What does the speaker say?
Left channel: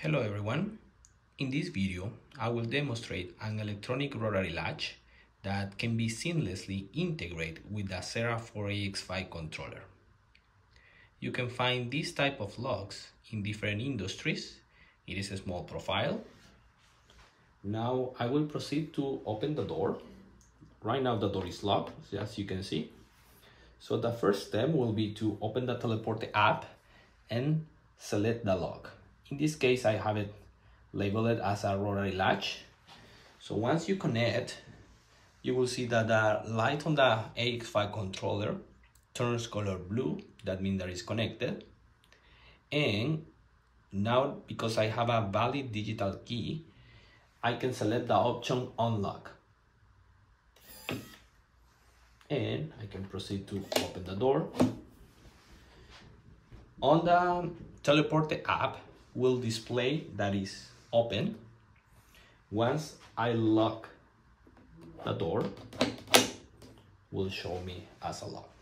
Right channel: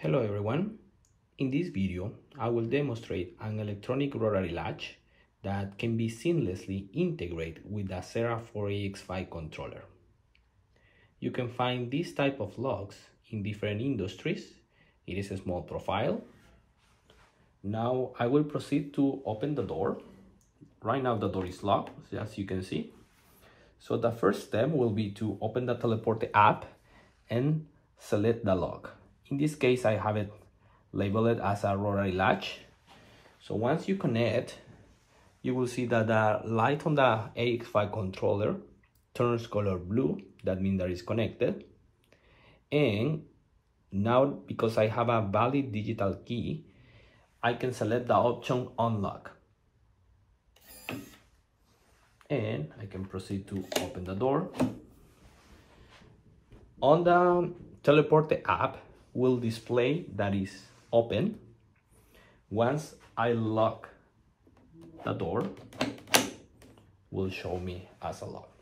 Hello everyone. In this video, I will demonstrate an electronic rotary latch that can be seamlessly integrated with the Sera4 AX5 controller. You can find this type of locks in different industries. It is a small profile. Now I will proceed to open the door. Right now the door is locked, as you can see. So the first step will be to open the Teleporte app and select the lock. In this case, I have it labeled as a rotary latch. So once you connect, you will see that the light on the AX5 controller turns color blue. That means that it's connected. And now, because I have a valid digital key, I can select the option unlock. And I can proceed to open the door. On the Teleporte app, will display that is open. Once I lock the door, will show me as a lock.